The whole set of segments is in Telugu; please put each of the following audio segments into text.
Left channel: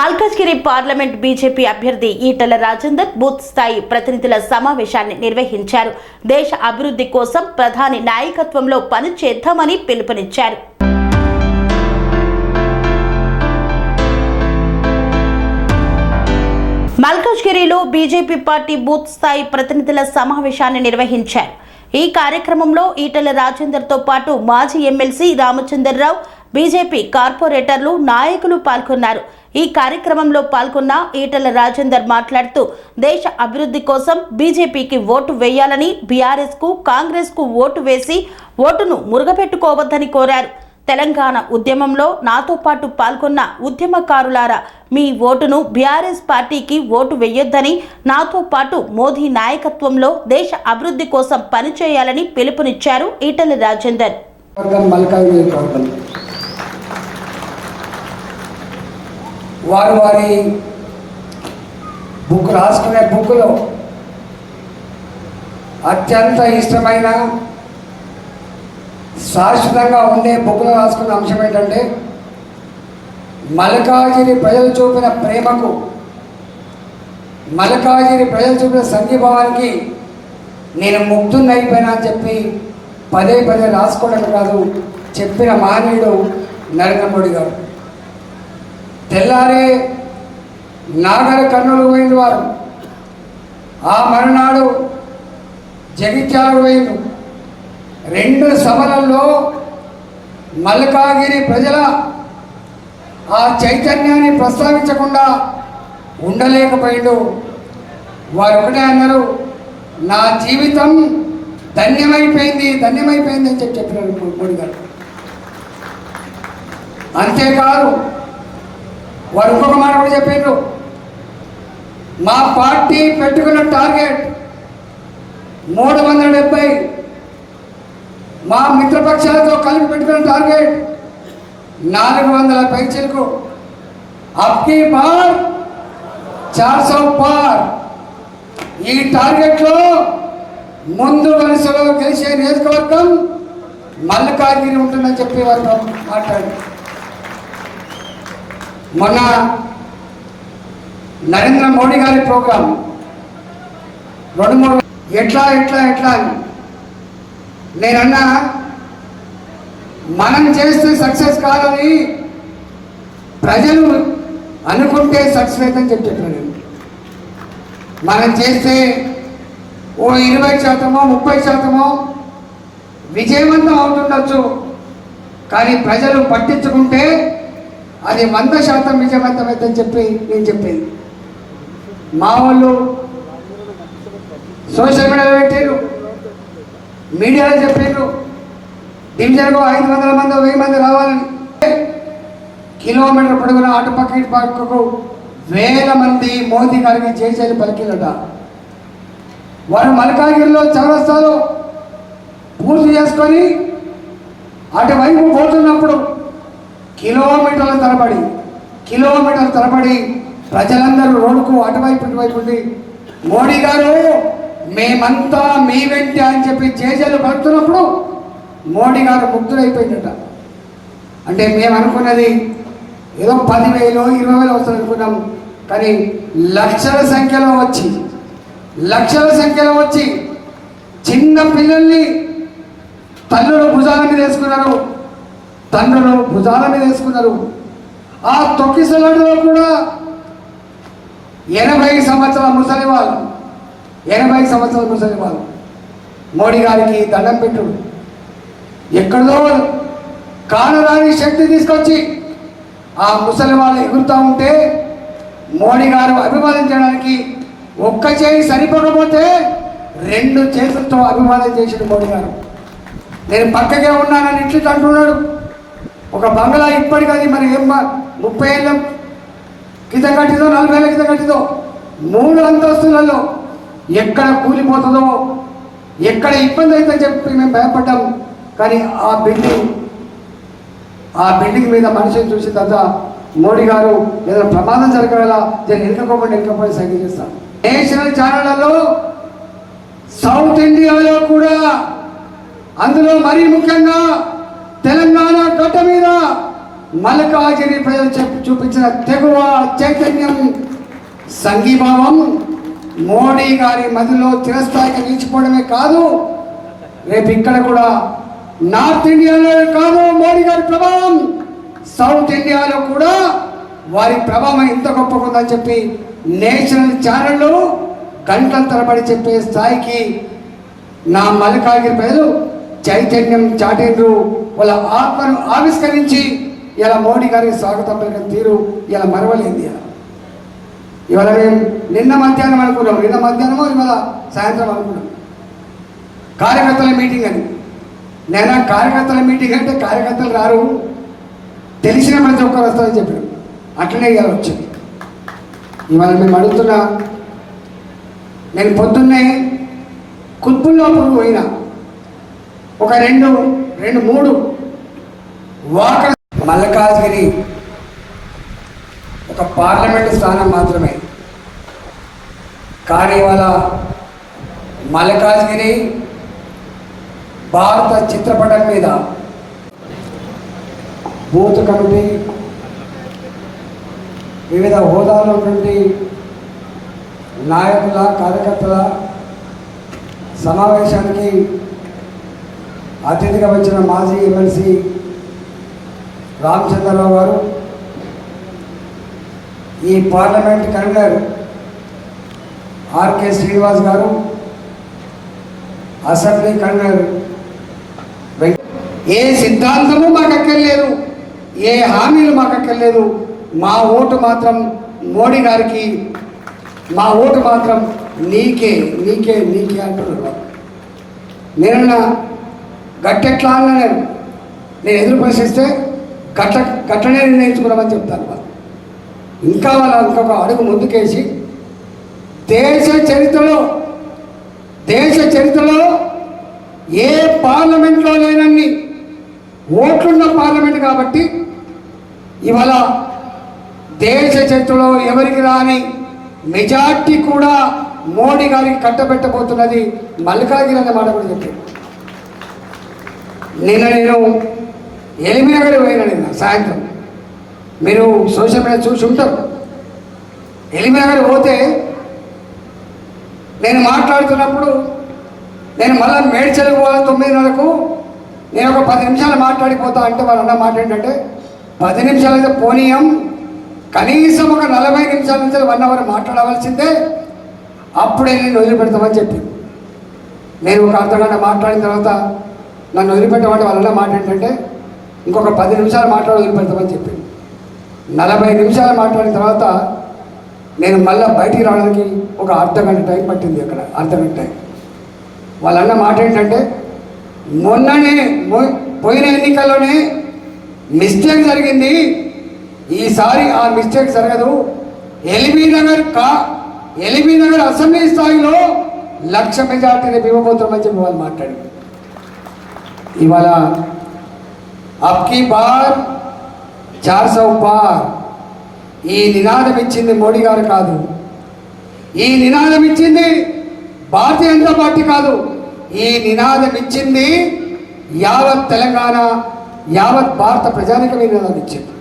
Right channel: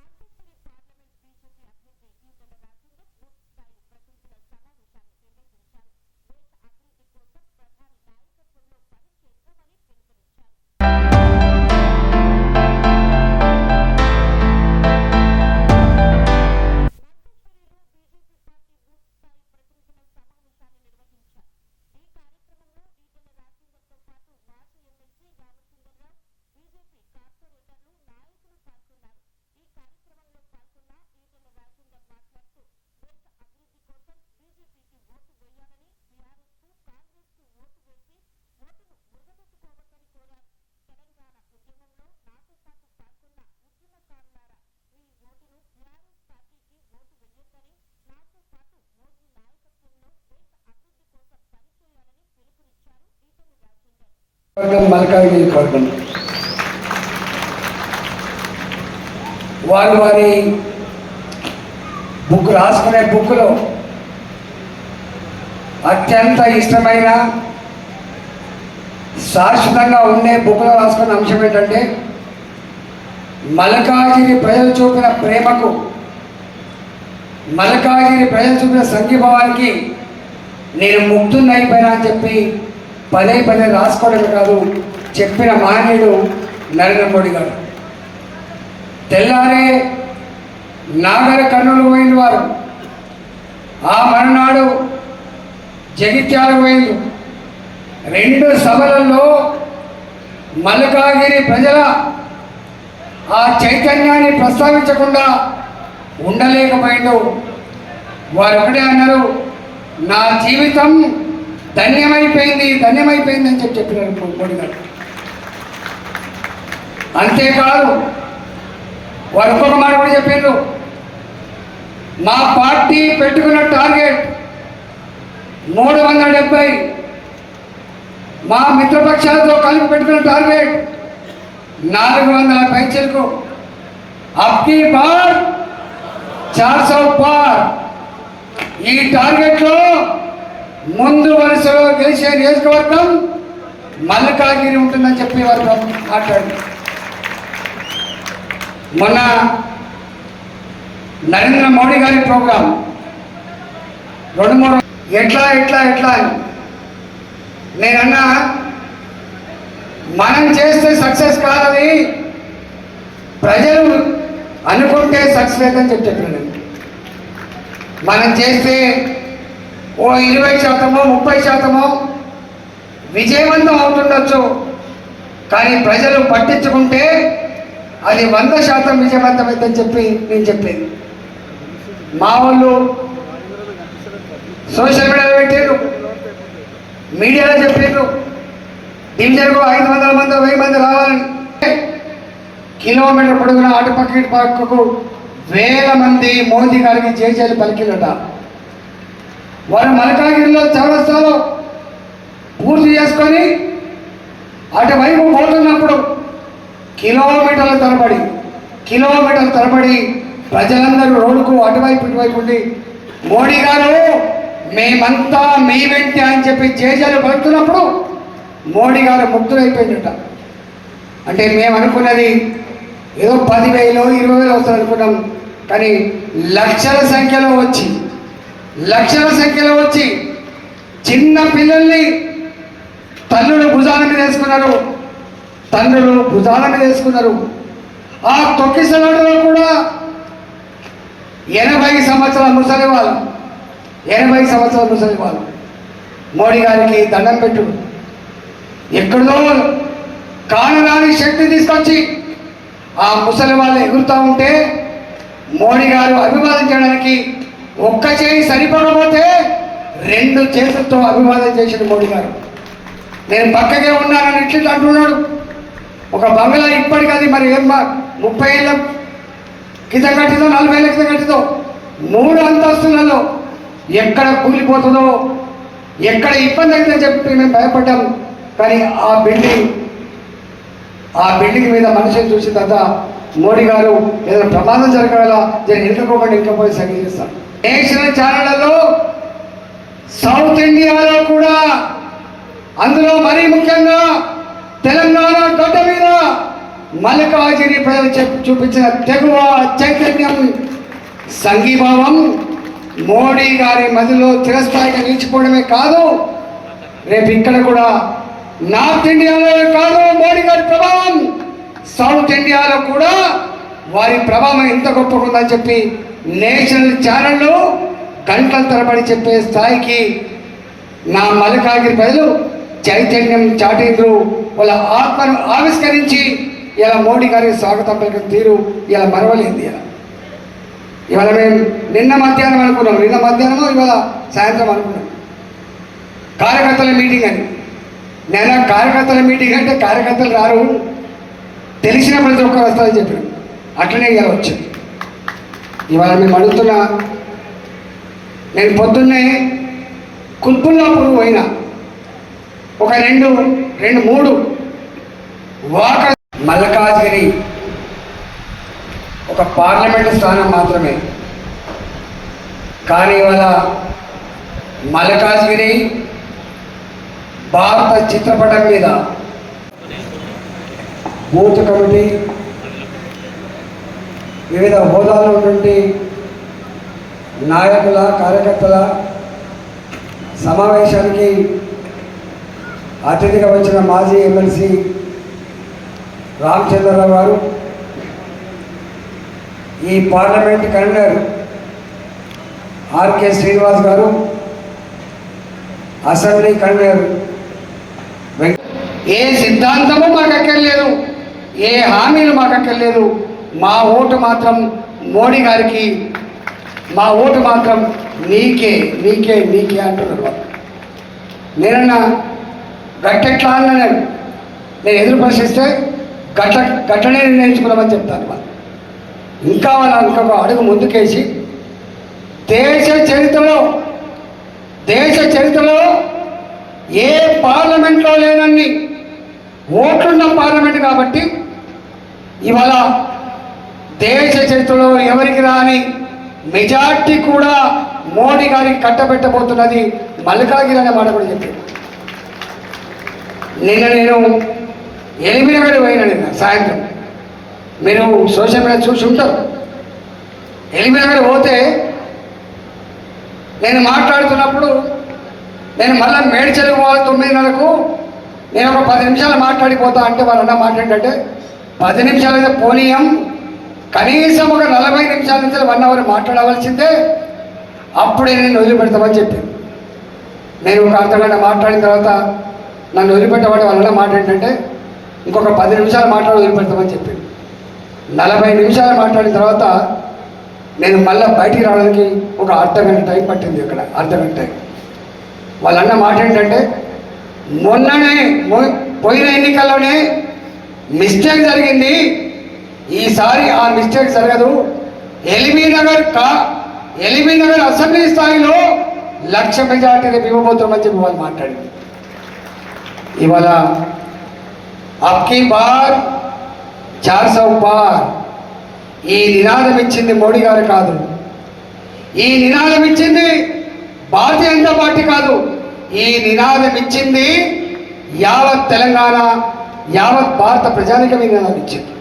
మల్కాజ్గిరి పార్లమెంట్ బీజేపీ అభ్యర్థి ఈటల రాజేందర్ బూత్ స్థాయి ప్రతినిధుల సమావేశాన్ని నిర్వహించారు. దేశ అభివృద్ధి కోసం ప్రధాని నాయకత్వంలో పనిచేద్దామని పిలుపునిచ్చారు. మల్కాజ్గిరిలో బీజేపీ పార్టీ బూత్ స్థాయి ప్రతినిధుల సమావేశాన్ని నిర్వహించారు. ఈ కార్యక్రమంలో ఈటల రాజేందర్తో పాటు మాజీ ఎమ్మెల్సీ రామచంద్రరావు బీజేపీ కార్పొరేటర్లు నాయకులు పాల్గొన్నారు. ఈ కార్యక్రమంలో పాల్గొన్న ఈటల రాజేందర్ మాట్లాడుతూ దేశ అభివృద్ధి కోసం బీజేపీకి ఓటు వేయాలని బీఆర్ఎస్కు కాంగ్రెస్కు ఓటు వేసి ఓటును మురుగపెట్టుకోవద్దని కోరారు. తెలంగాణ ఉద్యమంలో నాతో పాటు పాల్గొన్న ఉద్యమకారులారా మీ ఓటును బీఆర్ఎస్ పార్టీకి ఓటు వేయొద్దని నాతో పాటు మోదీ నాయకత్వంలో దేశ అభివృద్ధి కోసం పనిచేయాలని పిలుపునిచ్చారు ఈటల రాజేందర్. వారు వారి బుక్ రాసుకునే బుక్లో అత్యంత ఇష్టమైన శాశ్వతంగా ఉండే బుక్లో రాసుకున్న అంశం ఏంటంటే మల్కాజిరి ప్రజలు చూపిన ప్రేమకు మల్కాజిరి ప్రజలు చూపిన సంఘీభావానికి నేను ముగ్ధున్నైపోయినా అని చెప్పి పదే పదే రాసుకోవడం కాదు చెప్పిన మాన్యుడు నరేంద్ర మోడీ గారు. తెల్లారే నాగర కర్నూలు పోయిన వారు. ఆ మరునాడు జగిత్యాల పోయింది రెండు సభలలో మల్కాగిరి ప్రజల ఆ చైతన్యాన్ని ప్రస్తావించకుండా ఉండలేకపోయిండు. వారు ఒకటే అన్నారు నా జీవితం ధన్యమైపోయింది ధన్యమైపోయింది అని చెప్పి చెప్పినారు మోడీ గారు. అంతేకాదు వారు ఇంకొక మాట కూడా చెప్పారు. మా పార్టీ పెట్టుకున్న టార్గెట్ మూడు వందల డెబ్బై మా మిత్రపక్షాలతో కలిపి పెట్టుకున్న టార్గెట్ నాలుగు వందల పైచలకు. అప్కి పార్ చార్ సౌ పార్. ఈ టార్గెట్లో ముందు వరుసలో గెలిచే నియోజకవర్గం మల్కాగిరి ఉంటుందని చెప్పి వారు మాట్లాడారు. మొన్న నరేంద్ర మోడీ గారి ప్రోగ్రాం రెండు మూడు ఎట్లా ఎట్లా ఎట్లా అని. నేనన్నా మనం చేస్తే సక్సెస్ కాదని ప్రజలు అనుకుంటే సక్సెస్ లేదని చెప్పాను మనం చేస్తే ఓ ఇరవై శాతమో ముప్పై శాతమో విజయవంతం అవుతుండొచ్చు. కానీ ప్రజలు పట్టించుకుంటే అది వంద శాతం విజయవంతమైందని చెప్పి నేను చెప్పేది. మా వాళ్ళు సోషల్ మీడియాలో పెట్టారు మీడియాలో చెప్పారు డివిజన్కు ఐదు వందల మంది వెయ్యి మంది రావాలని. కిలోమీటర్ పొడుగున అటు పక్క ఇటు పక్కకు వేల మంది మోదీ గారికి జయజయలు పలికిందట. వారు మల్కాగిరిలో చౌరస్తాలో పూర్తి చేసుకొని అటువైపు పోతున్నప్పుడు కిలోమీటర్ల తరబడి కిలోమీటర్ తరబడి ప్రజలందరూ రోడ్డుకు అటువైపు ఇటువైపు ఉండి మోడీ గారు మేమంతా మీ వెంటే అని చెప్పి జేజలు పలుకుతున్నప్పుడు మోడీ గారు ముక్తులైపోయిందట అంటే మేము అనుకున్నది ఏదో పదివేలు ఇరవై వేలు వస్తుంది అనుకున్నాం కానీ లక్షల సంఖ్యలో వచ్చి లక్షల సంఖ్యలో వచ్చి చిన్న పిల్లల్ని తల్లుల భుజాల మీద వేసుకున్నారు. తండ్రులు భుజాల మీద వేసుకున్నారు. ఆ తొక్కిసలాడులో కూడా ఎనభై సంవత్సరాల ముసలి వాళ్ళు ఎనభై సంవత్సరాల ముసలి వాళ్ళు మోడీ గారికి దండం పెట్టు ఎక్కడో కానరాని శక్తి తీసుకొచ్చి ఆ ముసలి వాళ్ళు ఎగురుతూ ఉంటే మోడీ గారు అభివాదించడానికి ఒక్క చేయి సరిపడకపోతే రెండు చేతులతో అభివాదం చేసింది మోడీ గారు. నేను పక్కకే ఉన్నానని ఇట్లా అంటున్నాడు. ఒక బంగ్లా ఇప్పటికది మరి ఏం ముప్పై ఏళ్ళ కింద కట్టిందో నలభై ఏళ్ళ కింద కట్టిందో మూడు అంతస్తులలో ఎక్కడ కూలిపోతుందో ఎక్కడ ఇబ్బంది అవుతుందని చెప్పి మేము భయపడ్డాం. కానీ ఆ బిల్డింగ్ ఆ బిల్డింగ్ మీద మనిషిని చూసిన తర్వాత మోడీ గారు ఏదైనా ప్రమాదం జరగడలా నేను ఇంకపోయి ఇంకపోయి సంగీతిస్తాను నేషనల్ ఛానళ్ళలో సౌత్ ఇండియాలో కూడా అందులో మరీ ముఖ్యంగా తెలంగాణ గడ్డ మలకాజిని ప్రజలు చెప్ చూపించిన తెగువ చైతన్యం సంఘీభావం మోడీ గారి మదిలో చిరస్థాయిగా నిలిచిపోవడమే కాదు రేపు ఇక్కడ కూడా నార్త్ ఇండియాలో కాదు మోడీ గారి ప్రభావం. సౌత్ ఇండియాలో కూడా వారి ప్రభావం ఎంత గొప్పగా ఉందని చెప్పి నేషనల్ ఛానళ్ళు గంటల తరబడి చెప్పే స్థాయికి నా మల్లికార్జున ప్రజలు చైతన్యం చాటిండ్రు వాళ్ళ ఆత్మను ఆవిష్కరించి ఇలా మోడీ గారికి స్వాగతం పలికిన తీరు ఇలా మరవలేదు ఇలా. ఇవాళ మేము నిన్న మధ్యాహ్నం అనుకున్నాం నిన్న మధ్యాహ్నమో ఇవాళ సాయంత్రం అనుకున్నాం. కార్యకర్తల మీటింగ్ అని. నేను ఆ కార్యకర్తల మీటింగ్ అంటే కార్యకర్తలు రారు తెలిసిన ప్రతి ఒక్కరు వస్తారని చెప్పాడు అట్లనే ఇలా వచ్చింది. ఇవాళ మేము అడుగుతున్నా నేను పొద్దున్నే కుత్బుల్లాపూర్ పోయినా. ఒక రెండు రెండు మూడు వాక మల్లకాజ్గిరి ఒక పార్లమెంటు స్థానం మాత్రమే. కానీ ఇవాళ మల్లకాజ్గిరి భారత చిత్రపటం మీద బూత్ కమిటీ వివిధ హోదాలో నుండి నాయకుల కార్యకర్తల సమావేశానికి అతిథిగా వచ్చిన మాజీ ఎమ్మెల్సీ రామచంద్రరావు గారు ఈ పార్లమెంట్ కన్వీనర్ ఆర్కే శ్రీనివాస్ గారు అసెంబ్లీ కన్వీనర్ ఏ సిద్ధాంతము మాకు అక్కర్లేదు ఏ హామీలు మాకు అక్కర్లేదు మా ఓటు మాత్రం మోడీ గారికి మా ఓటు మాత్రం నీకే నీకే నీకే అంటున్నారు నేను గట్టెట్లా అన్నాను. నేను ఎదురు ప్రశ్నిస్తే గట్ల గట్లనే నిర్ణయించుకున్నామని చెప్తాను వాళ్ళు. ఇంకా వాళ్ళ ఇంకొక అడుగు ముందుకేసి దేశ చరిత్రలో దేశ చరిత్రలో ఏ పార్లమెంట్లో లేనన్ని ఓట్లున్న పార్లమెంట్ కాబట్టి ఇవాళ దేశ చరిత్రలో ఎవరికి రాని మెజార్టీ కూడా మోడీ గారికి కట్టబెట్టబోతున్నది మల్లికాగిరి అనే మాట కూడా చెప్పాడు నిన్న నేను ఎలిమినగర్ పోయినా నిన్న సాయంత్రం. మీరు సోషల్ మీడియా చూసి ఉంటారు. ఎలిమినగర్ పోతే నేను మాట్లాడుతున్నప్పుడు నేను మళ్ళీ మేడ్చలకు పోవాలి తొమ్మిదిన్నరకు నేను ఒక పది నిమిషాలు మాట్లాడిపోతా అంటే వాళ్ళన్న మాట ఏంటంటే పది నిమిషాలు అయితే పోనీయం. కనీసం ఒక నలభై నిమిషాల నుంచి వన్ అవర్ మాట్లాడవలసిందే. అప్పుడే నేను వదిలిపెడతామని చెప్పింది. నేను ఒక అర్ధగంట మాట్లాడిన తర్వాత నన్ను వదిలిపెట్టబడి వాళ్ళ మాట ఏంటంటే ఇంకొక పది నిమిషాలు మాట్లాడి వదిలిపెడతామని చెప్పింది. నలభై నిమిషాలు మాట్లాడిన తర్వాత నేను మళ్ళీ బయటికి రావడానికి ఒక అర్ధగంట టైం పట్టింది అక్కడ అర్ధగంట టైం. వాళ్ళన్న మాట ఏంటంటే మొన్ననే పోయిన ఎన్నికల్లోనే మిస్టేక్ జరిగింది. ఈసారి ఆ మిస్టేక్ జరగదు. ఎల్బీ నగర్ కా ఎల్బీ నగర్ అసెంబ్లీ స్థాయిలో లక్ష మెజార్టీ రేపు ఇవ్వబోతున్నామని చెప్పి వాళ్ళు మాట్లాడింది ఇవాళ అబ్కి బార్ చార్ సౌ పార్ ఈ నినాదం ఇచ్చింది మోడీ గారు కాదు. ఈ నినాదం ఇచ్చింది భారతీయ జనతా పార్టీ కాదు. ఈ నినాదం ఇచ్చింది యావత్ తెలంగాణ యావత్ భారత ప్రజానికి నినాదం ఇచ్చింది.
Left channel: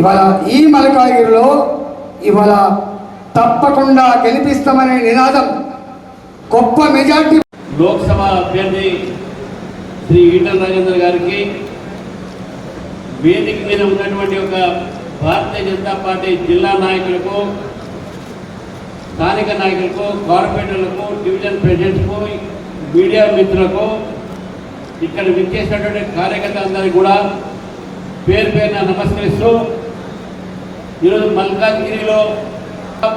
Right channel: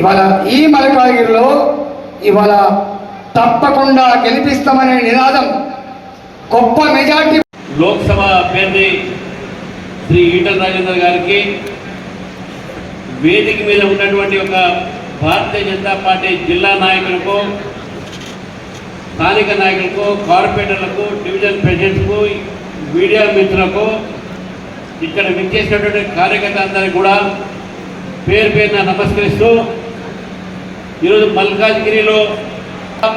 ఇవాళ ఈ మలకాగిరిలో ఇవాళ తప్పకుండా గెలిపిస్తామనే నినాదం గొప్ప మెజార్టీ లోక్సభ అభ్యర్థి శ్రీ ఈటల రాజేందర్ గారికి వేదిక మీద ఉన్నటువంటి ఒక భారతీయ జనతా పార్టీ జిల్లా నాయకులకు స్థానిక నాయకులకు కార్పొరేటర్లకు డివిజన్ ప్రెసిడెంట్కు మీడియా మిత్రులకు ఇక్కడ విచ్చేసినటువంటి కార్యకర్తలందరికీ కూడా పేరు పేరున నమస్కరిస్తూ ఈరోజు మల్కాజ్గిరిలో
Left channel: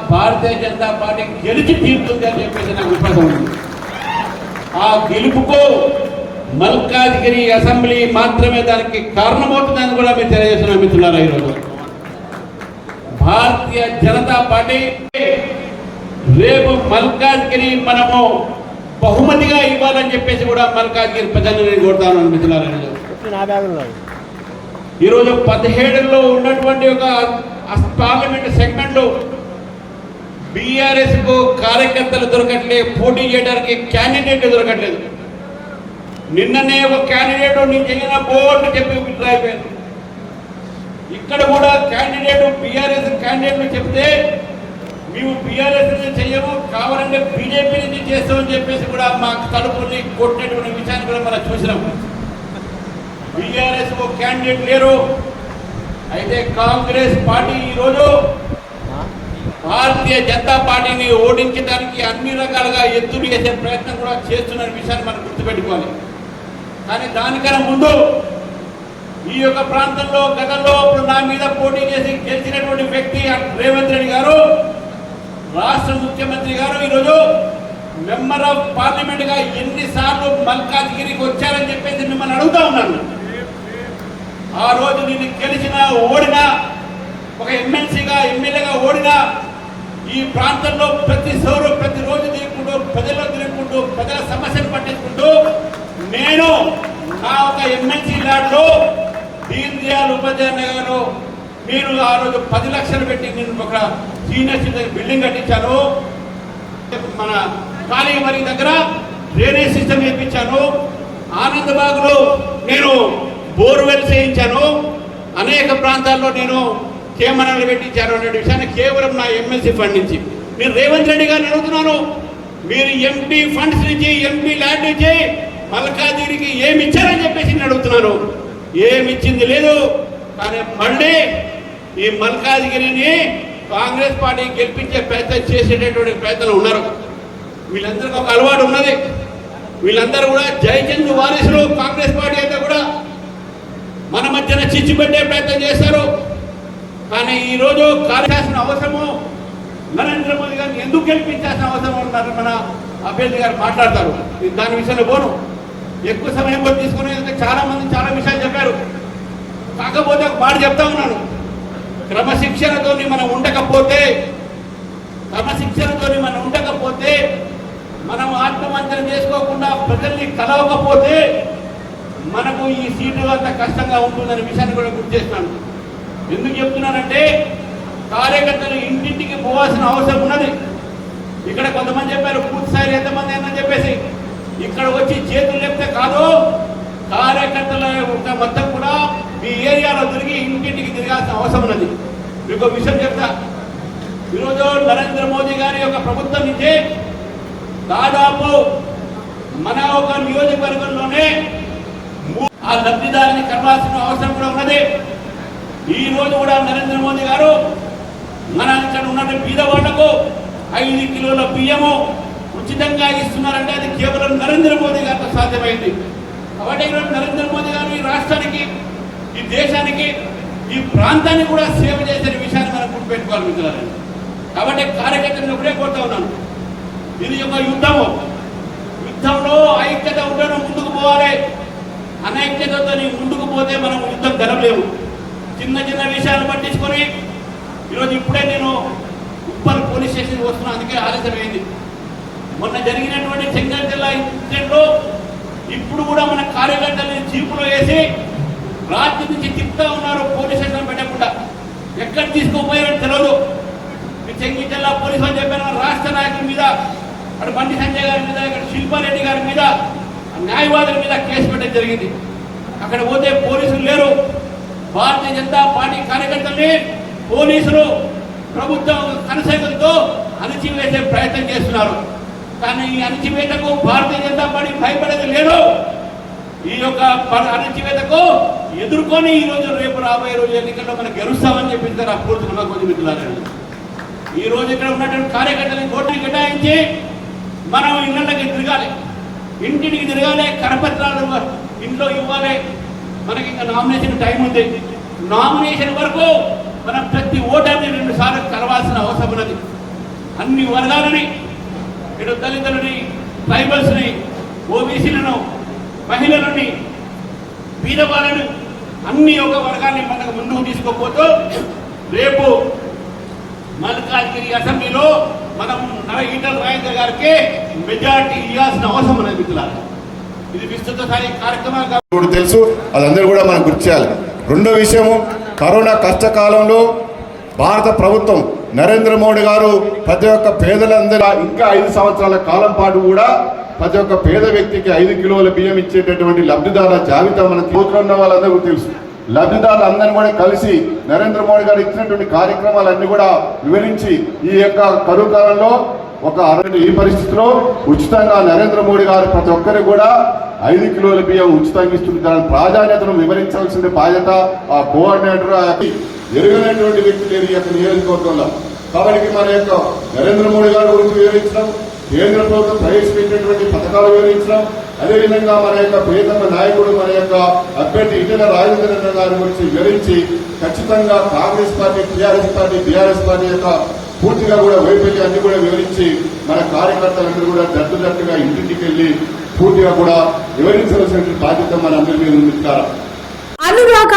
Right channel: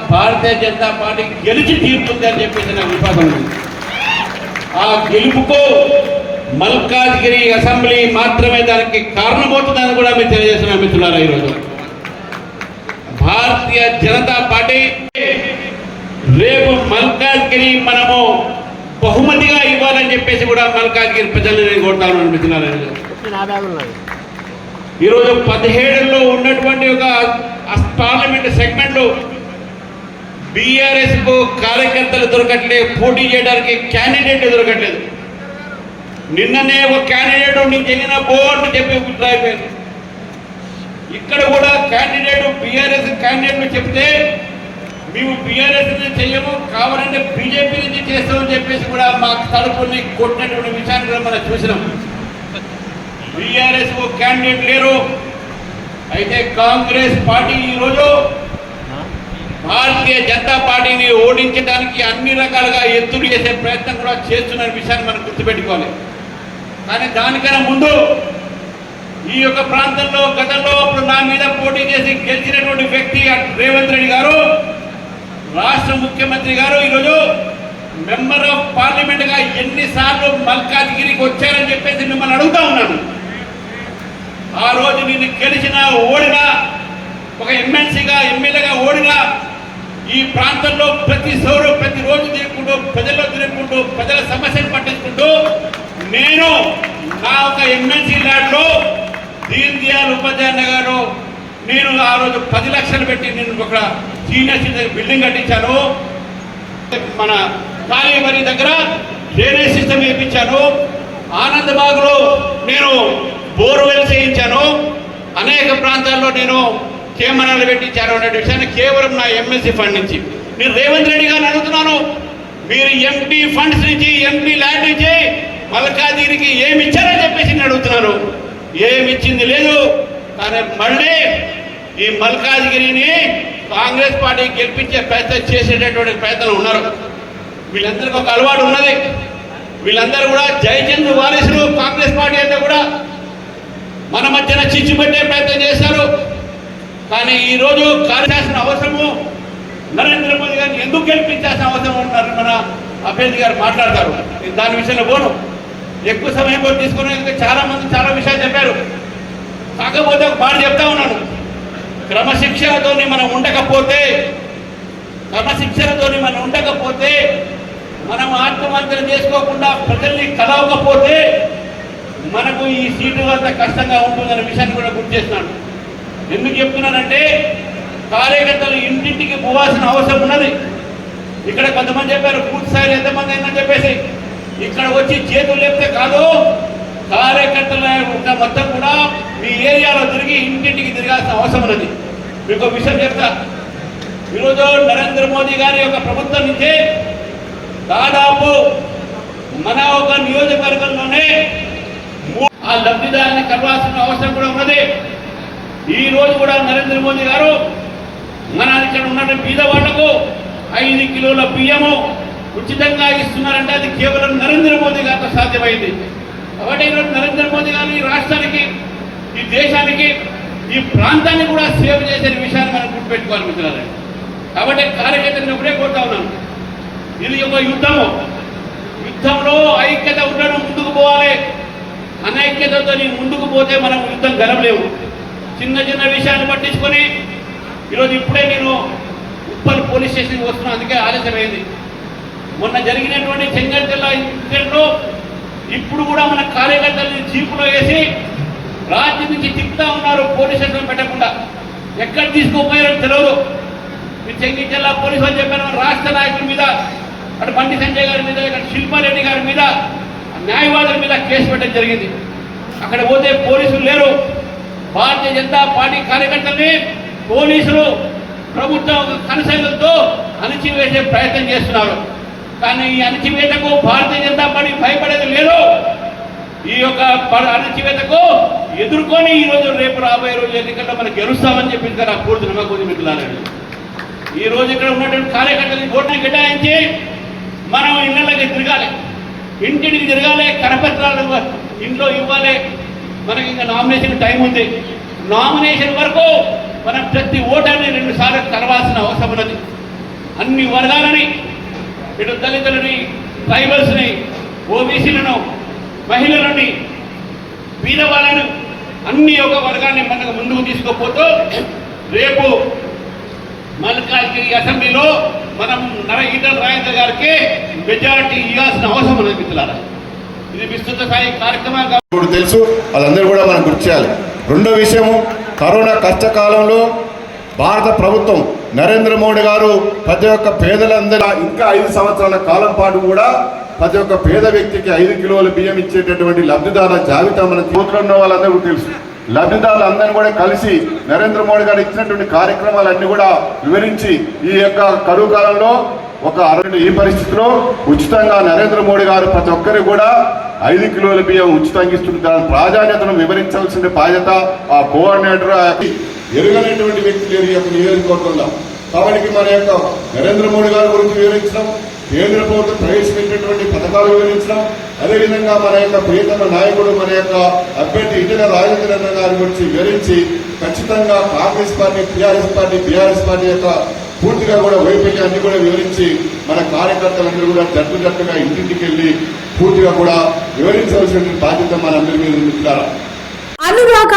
భారతీయ జనతా పార్టీ గెలిచి తీరుతుంది అని చెప్పేసి నాకు విశ్వాసం ఉంది. ఆ గెలుపుకు మల్కాజ్గిరి అసెంబ్లీ మాత్రమే దానికి కారణమవుతుందని కూడా మేము తెలియజేసిన మిత్రులారా ఈరోజు భారతీయ జనతా పార్టీ రేపు మల్కాజ్గిరి మనము బహుమతిగా ఇవ్వాలని చెప్పేసి కూడా మల్కాజ్గిరి ప్రజలు నేను కోరుతాను మిత్రులారా ఈరోజు. పదిహేడులో ఉన్నటువంటి ఒక పార్లమెంట్ సెగ్మెంట్ బీఆర్ఎస్కు కార్యకర్తలు దొరకట్లేదు పోటీ చేయడానికి క్యాండిడేట్ దొరకట్లేదు ఇక్కడ కూడా క్యాండిడేట్ బీఆర్ఎస్ క్యాండిడేట్ చెప్తే మేము బీఆర్ఎస్ నుంచి చెయ్యము కావాలంటే బీజేపీ నుంచి చేస్తామని చెప్పేసి కూడా మా తలుపుల్ని కొట్టినటువంటి విషయాన్ని కూడా మనం చూసినాం. బీఆర్ఎస్ క్యాండిడేట్ లేరు. అయితే కాంగ్రెస్ పార్టీ ఈరోజు భారతీయ జనతా పార్టీని ఓడించడానికి అన్ని రకాలుగా ఎత్తులు చేసే ప్రయత్నం కూడా చేస్తున్న విషయాన్ని మనం గుర్తుపెట్టుకోవాలి. కానీ దానికన్నా ముందు ఈ యొక్క ప్రాంతంలో గతంలో అప్పుడు నా మీద పోటీ చేసి గెలిచినటువంటి వ్యక్తి రేవంత్ రెడ్డి గారు రాష్ట్ర ముఖ్యమంత్రి గారు ఈరోజు మెంబర్ ఆఫ్ పార్లమెంట్గా ఎన్నిసార్లు మల్కాజ్గిరికి వచ్చారని చెప్పేసి మిమ్మల్ని అడుగుతా ఉన్నాను. ఆ రోజు నేను గెలిచినా ఓడినా ఒక ఎమ్మెల్సీగా ఎమ్మెల్యేగా ఓడినా ఈ ప్రాంతంలో ప్రతి సౌరు ప్రతి రోజు తిరుగుకుంటూ ప్రజల్లో తిరుగుకుంటూ ప్రజల సమస్యలు పట్టించుకుంటూ నేను నా ఒక ఎమ్మెల్సీ ల్యాండ్లో దీన్ ఉపాధ్యాయ గారు నేను ఆ రోజు పది లక్షలు పెట్టి నేను ఒక సీనియర్ సిటిజన్ బిల్డింగ్ కట్టించాను. మన కాళీవరి దగ్గర డ్రైనేజ్ సిస్టమ్ వేయించాను. ఆనందబాగ్లో నేను బోర్వెల్ చేయించాను. అనేక ప్రాంతాల్లో నేను కేమనాలు పెట్టించాను అనే విషయాన్ని కేవలం నా ఎమ్మెల్సీ ఫండ్ నుంచి. నేను రేవంత్ రెడ్డి గారిని అడుగుతున్నాను మీరు ఎంపీ ఫండ్స్ నుంచి ఎంపీ ల్యాండ్ నుంచి మల్కాదీరికి ఏమి ఇచ్చారని చెప్పేసి నేను అడుగుతున్నాను. ఏమి ఇచ్చింది లేదు. కానీ మళ్ళీ ఈ మల్కాజ్గిరిని కాంగ్రెస్ పార్టీ గెలిపించే ప్రయత్నం చేసేటటువంటి ప్రయత్నాలు ఉన్నారు. వీళ్ళందరికీ ఒక అలవాటు ఉన్నది. వీళ్ళందరూ కూడా జయచంద్ వారసులు కాంగ్రెస్ పార్టీ అంతా కూడా మన మధ్యన చిచ్చుపెట్టే ప్రయత్నం చేశారు. కానీ ఈ రోజు కార్యాల్సిన అవసరము నరేంద్ర మోదీ గారిని ఎందుకు గెలిపించాల్సిన అవసరం ఉన్నారు మన అభ్యర్థి గారు మాట్లాడతారు. దాని విషయంలో పోను. ఎక్కువ సమయం కూడా తీసుకునే చాలా మంది చాలా విషయాలు చెప్పారు. కాకపోతే ఒక మాట చెప్తా ఉన్నాను. క్రమశిక్షణతోని మనం ఉండకపోతే క్రమశిక్షణతోని మనం ఉండకపోతే మనం ఆత్మవంచన చేసుకోకుండా ప్రజల్ని కలవకపోతే మనకు ఈ సీటు అంత కష్టంగా ఉంటుందనే విషయాన్ని కూడా గుర్తు చేస్తున్నాను. ఎందుకు చెప్తున్నానంటే కార్యకర్తలు ఇంటింటికి పోవాల్సిన అవసరం ఉన్నది. ఇక్కడ కొంతమంది చెప్పారు పూర్తి స్థాయిలో ఎంతమంది? అయినా చెప్పేసి. ఇక్కడ వచ్చి చేతులు లేపితే కాదు కార్యకర్తల మొత్తం కూడా మీ ఏరియాలో తిరిగి ఇంటింటికి తిరగాల్సిన అవసరం ఉన్నది. మీకు విషయం చెప్తా. ఈరోజు నరేంద్ర మోదీ గారి యొక్క ప్రభుత్వం నుంచి దాదాపు మన ఒక నియోజకవర్గంలోనే ఆ లబ్ధిదారుని కలవాల్సిన అవసరం కూడా ఉన్నది. ఈ రోజు కూడా నరేంద్ర మోదీ గారు మన ఇక్కడ ఉన్న బీద వాళ్ళకు ఐదు కిలోల బియ్యము ఉచితంగా ఇస్తున్నారంటే అది కేవలం నరేంద్ర మోదీ గారితో సాధ్యమైంది. కాబట్టి ఈరోజు నరేంద్ర మోదీ గారు ఈ రాష్ట్రానికి ఈ దేశానికి ఈ ప్రాంతాన్ని కూడా సేవ చేసే విషయాన్ని మనం గుర్తుపెట్టుకోవాలి మిత్రులారా. కాబట్టి కార్యకర్తలను ఒకటే కోరుతా ఉన్నాను. ఇది ఒక యుద్ధము. యుద్ధంలో ఐక్యత ఉండడం ముందుకు పోవాలి. అనైక్యతతో నీ ముందుకు పోతే మనం యుద్ధం గెలవలేము చిన్న చిన్న విషయాలు పట్టించుకొని ఈరోజు ఇప్పుడే నేను ఉప్పల్ పోలీస్ స్టేషన్కి వస్తున్నాను. అందుకే ఆలస్యమైంది. మొన్న జరిగినటువంటి చెంగల్ జిల్లా ఇన్సిడెంట్లో ఇప్పుడు కూడా మన కార్యకర్తల్ని జీపులు వేసి రాజ్యం నుంచి తిప్పుతా ఉన్నారు పోలీస్ స్టేషన్ పెట్టకుండా. ఎక్కడ తీసుకోపోయారో తెలియదు మీ చెంగి జిల్లా పోలీసు వాళ్ళు చెప్పారు మన రాష్ట్ర నాయకుల మీద అటు బండి సంజయ్ గారి మీద ఇక్కడ శిల్పారెడ్డి గారి మీద న్యాయవాదుల మీద కేసు పెట్టడం జరిగింది. అక్కడ పోతే పోలీసులు లేరు. భారతీయ జనతా పార్టీ కార్యకర్తల్ని పోలీసులు ప్రభుత్వం కనసైలతో అణచివేసే ప్రయత్నం చేస్తున్నారు. కానీ ఈ అణచివేతకు భారతీయ జనతా పార్టీ భయపడేది లేదు. ఈ యొక్క ప- అణచివేతకు ఎదుర్కొని ఈ రోజు రేపు రాబోయే రోజు ఎన్నికల్లో మనం గెలుస్తామని చెప్పింది కదా పూర్తి నమ్మకం మీకు ఈ రోజు ఇక్కడ ఉన్నటువంటి కార్యకర్తలు ఓట్లు కేటాయించి మనం ఇళ్ళకి తిరగాలి. ఇంటికి తిరగాలి కరపత్రాలు ఇంట్లో ఇవ్వాలి. మనకి ఇంకా నామినేషన్ టైం ఉంది. నామినేషన్ వరకు మనం ప్రతి ఓటర్ని రెండు సార్లు కలవాల్సిన అవసరం ఉన్నది. అన్ని వర్గాలని ఇటు దళితులని ట్రైబల్స్ని ఓబీసీలను మహిళలని బీదవాళ్ళను అన్ని ఒక వర్గాన్ని మనకు ముందుకు తీసుకోపోతూ రేపు మల్కాజ్గిరి అసెంబ్లీలో మనం నర ఈటల రాజేంద్ర గారికి మెజారిటీ ఇవ్వాల్సిన అవసరం అనేది మిత్రులారా. ఇది విస్తృత స్థాయి కార్యక్రమం ఇప్పుడు తెలుసు అదందరూ కూడా మనం గుర్తు చేయాలి రెండో విషయము కరోనా కష్టకాలంలో భారత ప్రభుత్వం నరేంద్ర మోడీ గారు ప్రతి ఒక్క పేదలందరూ ఇంకా ఐదు సంవత్సరాల కాలం పాటు కూడా ప్రతి ఒక్క పేద వ్యక్తికి ఐదు కిలోల బియ్యం ఇచ్చేటటువంటి లబ్ధిదారుల జాబితా మన కూతురు ఉన్న వాళ్ళందరూ తెలుసు. అందరూ కూడా కలిసి నరేంద్ర మోడీ గారు ఇచ్చినటువంటి కార్యక్రమాలన్నీ కూడా వివరించి ఈ యొక్క కరువు కాలంలో ఒక అరవై ఈ పరిస్థితిలో ఉచితంగా నరేంద్ర మోడీ గారు ప్రతి ఒక్కరికి కూడా ఐదు కిలోల బియ్యం ఉచితంగా ఇస్తుంది దాని ప్రాధాన్యతను వివరించాల్సిన బాధ్యత ఆ కోఆర్డినేటర్ ఎరుగనటువంటి వ్యక్తి లేరు ఈ యొక్క నియోజకవర్గంలో. కాబట్టి మన యొక్క నరేంద్ర మోడీ గారి గురించి వివరించడం కేంద్ర ప్రభుత్వం ప్రవేశపెట్టినటువంటి పథకాలు వివరించడం అదేవిధంగా మన యొక్క ప్రియతమ నాయకుడు మన యొక్క అభ్యర్థి ఇటల రాజేంద్ర గారి గురించి వివరించి ఖచ్చితంగా Congress party TRS party BRS party యొక్క పూర్తిగా కూడా వైఫల్యం అన్ని కూడా వివరించి మన కార్యకర్తలందరూ కూడా తగ్గినట్టుగా ఇంటింటికి వెళ్ళి పూర్తిగా కూడా వివరించవలసిన బాధ్యత మనందరి మీద ఉంది.